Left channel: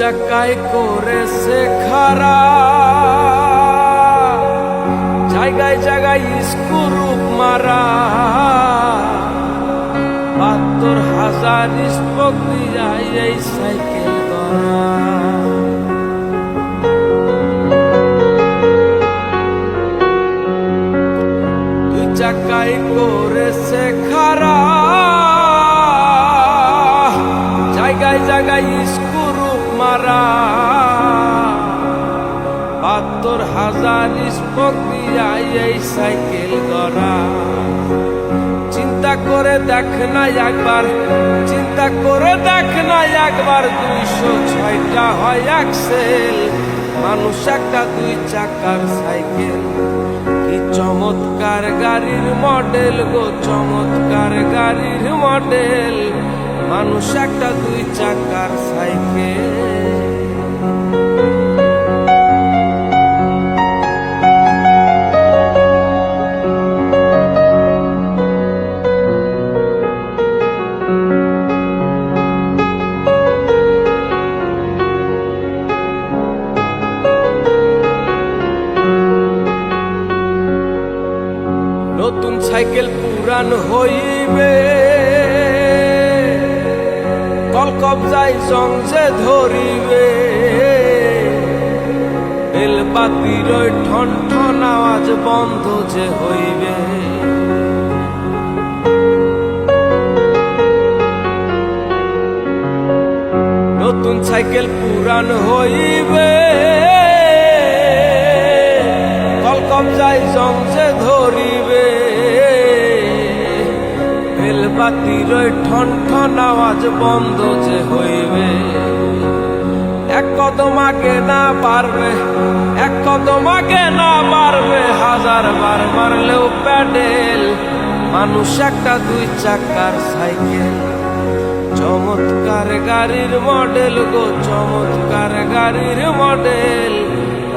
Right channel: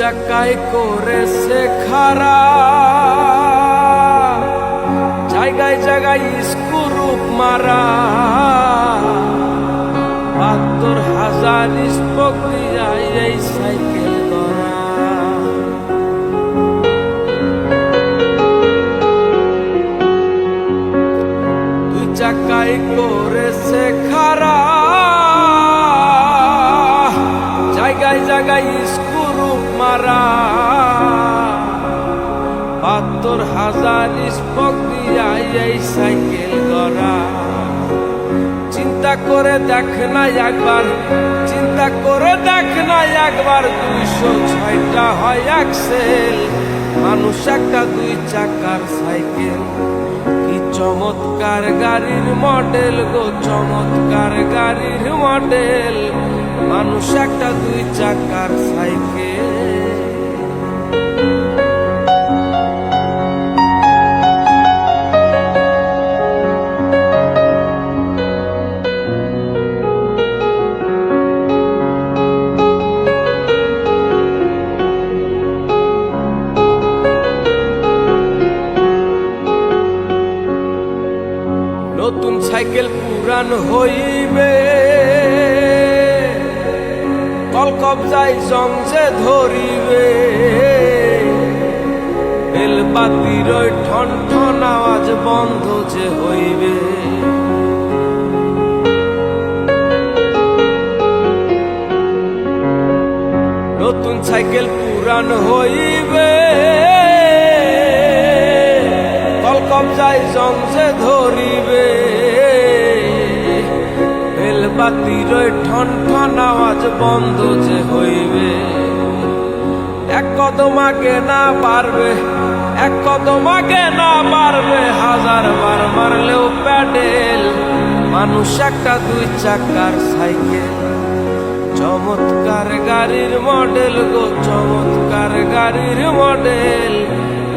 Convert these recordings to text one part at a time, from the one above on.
চাকায় করেছে খারা। জায়গায় জায়গায় স্কুরুপ মারা। বাহাত্তর হাজার স্পোক যায় এই সাইকেল করা দুই চাকায় করেছে খারা। জায়গায় জায়গায় স্কুরুপ মারা। বাহাত্তর হাজার স্পোক এই সাইকেল গড়া। চিন্তা করে দেখ না একবার, চিন্তা করে দেখ না একবার দুইশো ছয়টা হয় একসেল মানুষ একটা দুই চাকার সাইকেল। কি চমৎকার গাড়ির মডেল গো, চমৎকার গাড়ির মডেল মানুষ একটা দুই চাকার সাইকেল। নতুন সাইকেল পুরান হইবে। কল কবজাই জংজে ধরিবে। বেল বাতির ওই ঠন ঠন আওয়াজ বন্ধ যে হইবে। নতুন সাইকেল পুরান হইবে। কল কবজায় জংসে ধরিবে। বাতির ঠন ঠন আওয়াজ বন্ধ যে হইবে। এক কদম আগে না পারবে, এক কদম আগে না পারবে, হাজার বার মারলেও প্যাডেল। মানুষ একটা দুই চাকার সাইকেল। চমৎকার গাড়ির মডেল গো, চমৎকার গাড়ির মডেল।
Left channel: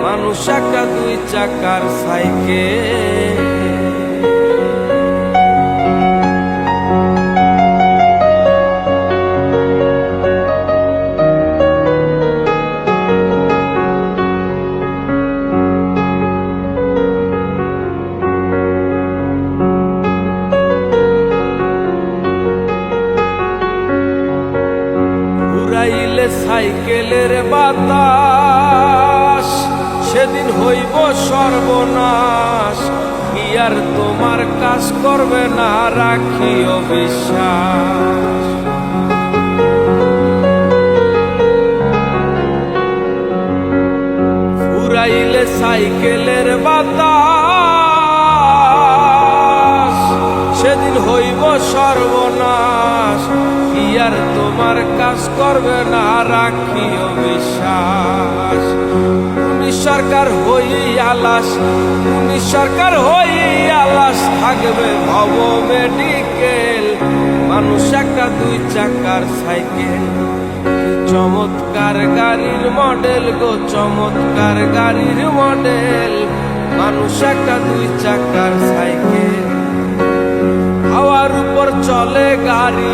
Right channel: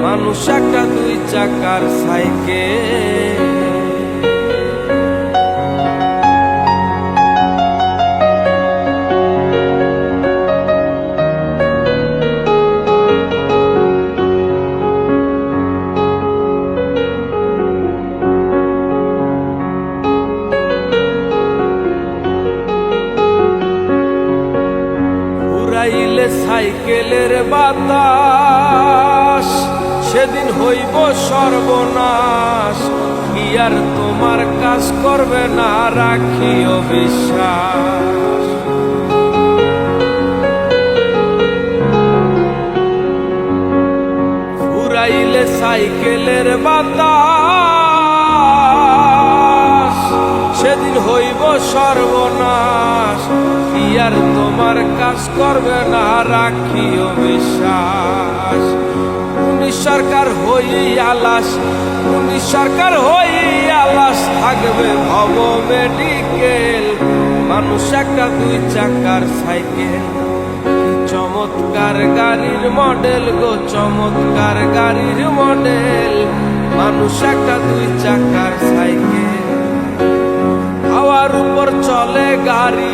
মানুষ একটা দুই চাকার সাইকেল। উড়াইলে সাইকেলের বাতাস, সেদিন হইব সর্বনাশ। কি আর তোমার কাজ করবে না, রাখিও বিশ্বাস। উড়াইলে সাইকেলের বাতাস, সেদিন হইব সর্বনাশ। কি আর তোমার কাজ করবে না? রাখিও বিশ্বাস। উনিশ সরকার হই আলাস উনিশ সরকার হই আলাস। থাকবে ভব মেডিকেল, মানুষ একটা দুই চাকার সাইকেল। চমৎকার গাড়ির মডেল গো, চমৎকার গাড়ির মডেল। মানুষ একটা দুই চাকার সাইকেল। হাওয়ার উপর চলে গাড়ি